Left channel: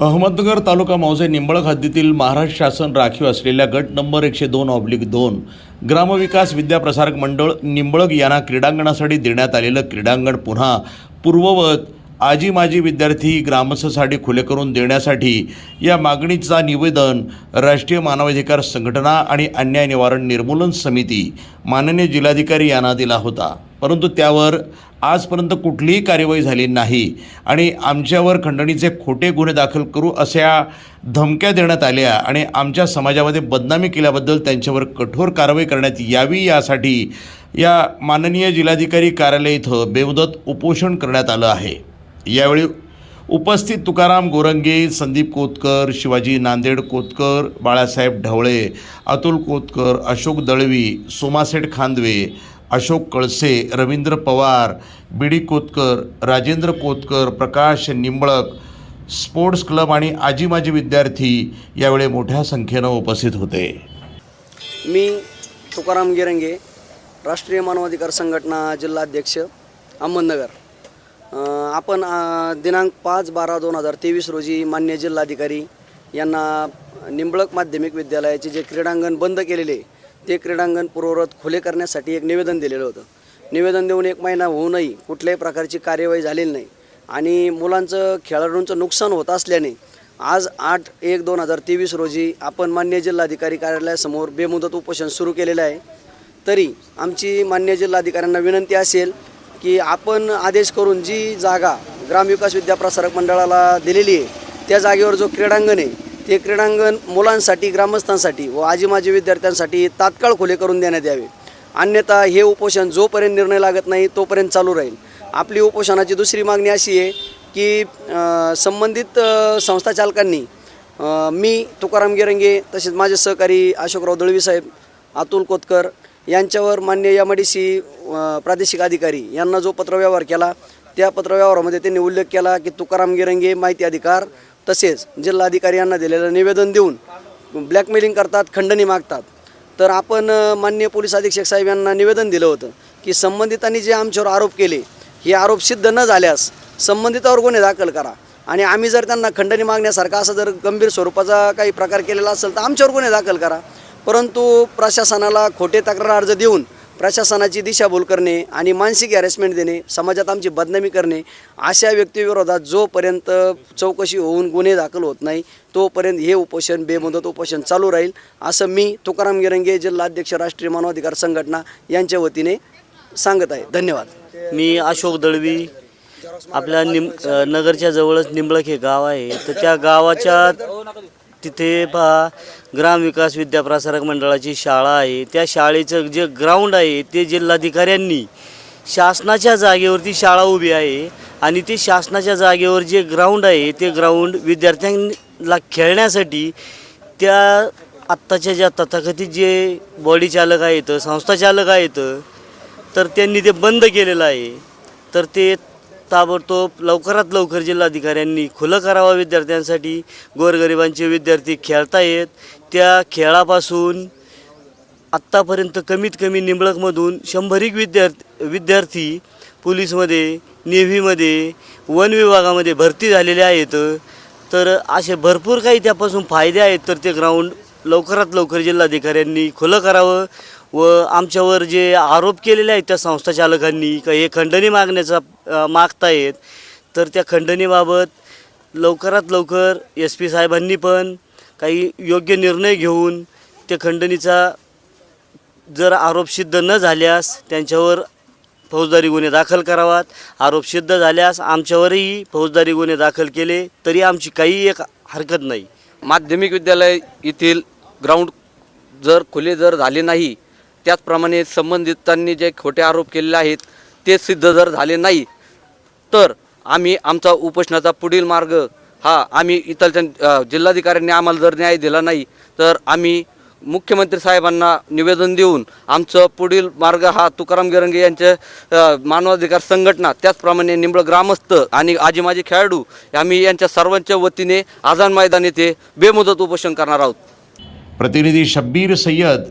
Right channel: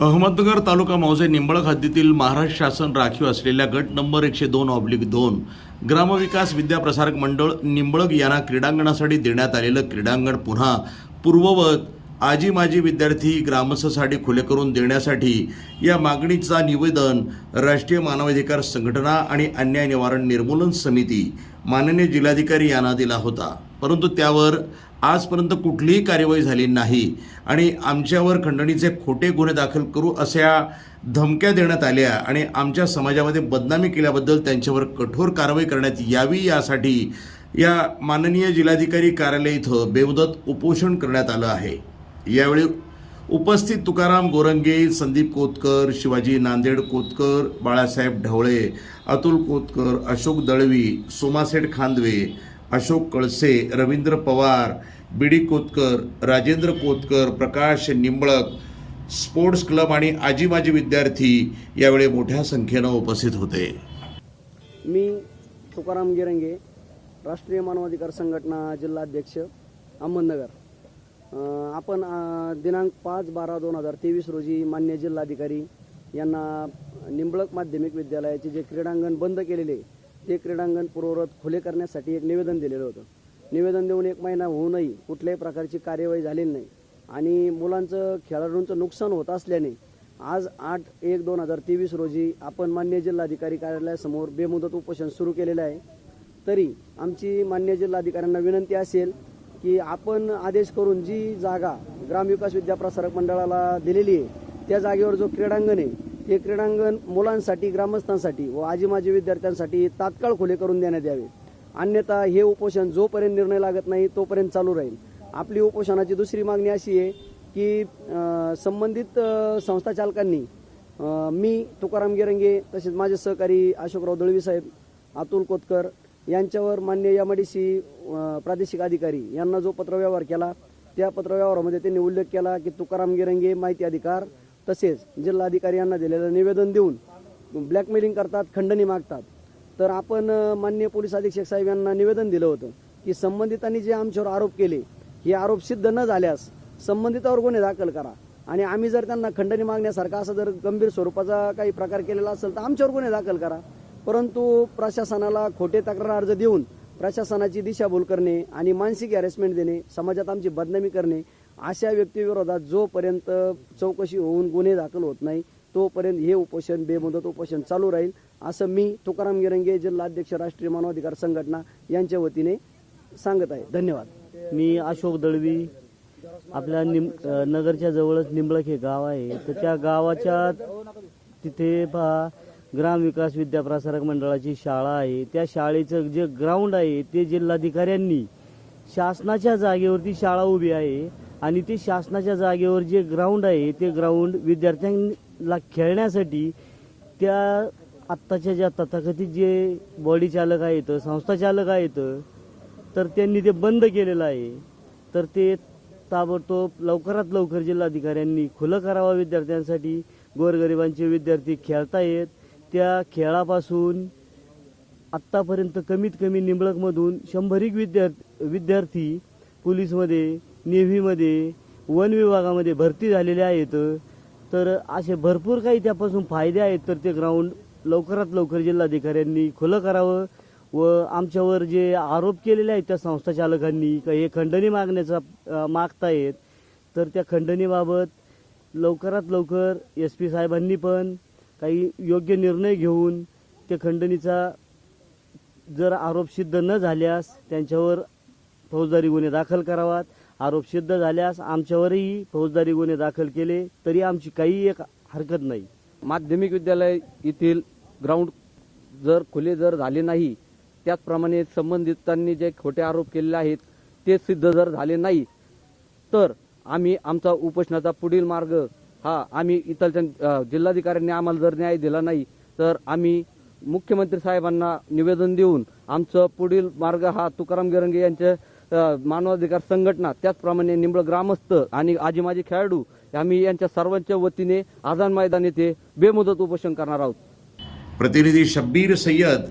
अहमदनगर तालुका मौजे निंबळक हद्दीतील महाराष्ट्र शासन राखीव असलेल्या गट नंबर एकशे दोन ऑब्लिक दोन ग्रामविकास विद्याप्रसारक मंडळ निंबळक यांना क्रीडांगणासाठी देण्यात आलेलं क्रीडांगण पुन्हा पूर्ववत आजी माजी विद्यार्थी ग्रामस्थसाठी खुले करून देण्यासाठी या मागणीचा निवेदन राष्ट्रीय मानवाधिकार संघटना आणि अन्याय निवारण निर्मूलन समिती माननीय जिल्हाधिकारी यांना दिला होता. परंतु त्यावर आजपर्यंत कुठलीही कार्यवाही झाली नाही. आणि आमच्यावर खंडणीचे खोटे गुन्हे दाखल करू अशा धमक्या देण्यात आल्या आणि आमच्या समाजामध्ये बदनामी केल्याबद्दल त्यांच्यावर कठोर कारवाई करण्यात यावी यासाठी या माननीय जिल्हाधिकारी कार्यालय इथं बेमुदत उपोषण करण्यात आलं आहे. यावेळी उपस्थित Tukaram Gorange Sandeep Kotkar Shivaji Nanded Kotkar Balasaheb Dhawale Atul Kotkar Ashok Dalvi Somaseth Khandve Ashok Kalse Ravindra Pawar B D Kotkar Rajendra Kotkar Prakash Nimblak sports club आणि आजी माजी विद्यार्थी यावेळी मोठ्या संख्येनं उपस्थित होते. मी तुकाराम गिरंगे राष्ट्रीय मानवाधिकार संघटना जिल्हाध्यक्ष अहमदनगर. आपण दिनांक पाच बारा दोन हजार तेवीस रोजी मान्य जिल्हाधिकारी यांना निंबळक माध्यमिक विद्यालयाचे जे क्रीडांगण बंद केलेले ते क्रीडांगण पूर्ववत खुले करण्यासाठी एक निवेदन दिलेलं होतं. निवेदन देऊन एक महिना होऊनही कुठल्याही प्रकारची कार्यवाही झालेली नाही. आणि मुलांचं खेळाडूंचं नुकसान होत असल्याने आज आठ एक दोन हजार तेवीस रोजी आपण मान्य जिल्हाधिकारी कार्यालयासमोर बेमुदत उपोषण सुरू केलेलं आहे. तरी आमची मान्य जिल्हाधिकाऱ्यांना विनंती असेल की आपण आदेश करून जी जागा ग्रामविकास विद्याप्रसारक मंडळाला दिलेली आहे त्या जागेवर जो क्रीडांगण आहे ते क्रीडांगण मुलांसाठी ग्रामस्थांसाठी व आजी माजी विद्यार्थ्यांसाठी तात्काळ खुले करून देण्यात यावे. अन्यथा हे उपोषण जोपर्यंत निर्णय लागत नाही तोपर्यंत चालू राहील. आपली उपोषणाची दुसरी मागणी अशी आहे की संबंधित संस्था चालकांनी मी तुकाराम गिरंगे तसेच माझे सहकारी अशोकराव दळवी साहेब अतुल कोतकर यांच्यावर मान्य एम डी सी प्रादेशिक अधिकारी यांना जो पत्रव्यवहार केला त्या पत्रव्यवहारामध्ये त्यांनी उल्लेख केला की तुकाराम गिरंगे माहिती अधिकार तसेच जिल्हाधिकारी यांना दिलेलं निवेदन देऊन ब्लॅकमेलिंग करतात खंडणी मागतात. तर आपण मान्य माननीय पोलीस अधीक्षक साहेब यांना निवेदन दिलं होतं की संबंधितांनी जे आमच्यावर आरोप केले हे आरोप सिद्ध न झाल्यास संबंधितावर गुन्हे दाखल करा. आणि आम्ही जर त्यांना खंडणी मागण्यासारखा असा जर गंभीर स्वरूपाचा काही प्रकार केलेला असेल तर आमच्यावर गुन्हे दाखल करा. परंतु प्रशासनाला खोटे तक्रार अर्ज देऊन प्रशासनाची दिशाभूल करणे आणि मानसिक हॅरेसमेंट देणे समाजात आमची बदनामी करणे अशा व्यक्तीविरोधात जोपर्यंत चौकशी होऊन गुन्हे दाखल होत नाही तोपर्यंत हे उपोषण बेमुदत उपोषण चालू राहील असं मी तुकाराम गिरंगे जिल्हाध्यक्ष राष्ट्रीय मानवाधिकार संघटना यांच्या वतीने सांगत आहे. धन्यवाद. मी अशोक दळवी आपल्या निम नगरच्या जवळच निंबळक हे गाव आहे. तर त्या गावाच्या तिथे पहा ग्रामविकास विद्याप्रसारक मंडळाची शाळा आहे. त्या शाळेचं जे ग्राउंड आहे ते जिल्हाधिकाऱ्यांनी शासनाच्या जागेवरती शाळा उभी आहे आणि ते शासनाच्या जागेवर जे ग्राउंड आहे ते ग्राउंड विद्यार्थ्यांना खेळण्यासाठी त्या आत्ताच्या ज्या तथाकथित जे बॉडी चालक आहेत संस्था चालक आहेत तर त्यांनी ते बंद केलेलं आहे. तर ते ताबडतोब लवकरात लवकर जिल्हाधिकाऱ्यांनी खुलं करावं विद्यार्थ्यांसाठी. गोरगरिबांचे विद्यार्थी खेळता येत. त्या खेळापासून आत्तापर्यंत कमीत कमी निंबळकमधून शंभरीक विद्यार्थी विद्यार्थी पोलीसमध्ये नेव्हीमध्ये वन विभागामध्ये भरती झालेले आहेत. तर असे भरपूर काही त्यापासून फायदे आहेत. तर ते ग्राउंड लवकरात लवकर जिल्हाधिकाऱ्यांनी खुलं करावं. व आमच्यावर जे आरोप केलेले आहेत त्या संस्था चालकांनी का हे खंडणी मागण्याचा अ, मागतायत तर त्या खंडणीबाबत लवकरात लवकर एस पी साहेबांनी पण काही योग्य निर्णय घेऊन त्या खंडणीचा जर आरोप सिद्ध न झाल्यास त्यांच्यावर फौजदारी गुन्हे दाखल करावात. आरोप सिद्ध झाल्यास आमच्यावरही फौजदारी गुन्हे दाखल केले तरी आमची काही एक हरकत नाही. माध्यमिक विद्यालय येथील ग्राउंड जर खुले जर झाले नाही त्याचप्रमाणे संबंधितांनी जे खोटे आरोप केलेले आहेत ते सिद्ध जर झाले नाही तर आम्ही आमचा उपोषणाचा पुढील मार्ग हा आम्ही इथलच्या जिल्हाधिकाऱ्यांनी आम्हाला जर न्याय दिला नाही तर आम्ही मुख्यमंत्री साहेबांना निवेदन देऊन आमचं पुढील मार्ग हा तुकाराम गिरंगे यांचे मानवाधिकार संघटना त्याचप्रमाणे निंबळ ग्रामस्थ आणि आजी माजी खेळाडू आम्ही यांच्या सर्वांच्या वतीने आझाद मैदान येथे बेमुदत उपोषण करणार आहोत. प्रतिनिधी Shabbir Sayyad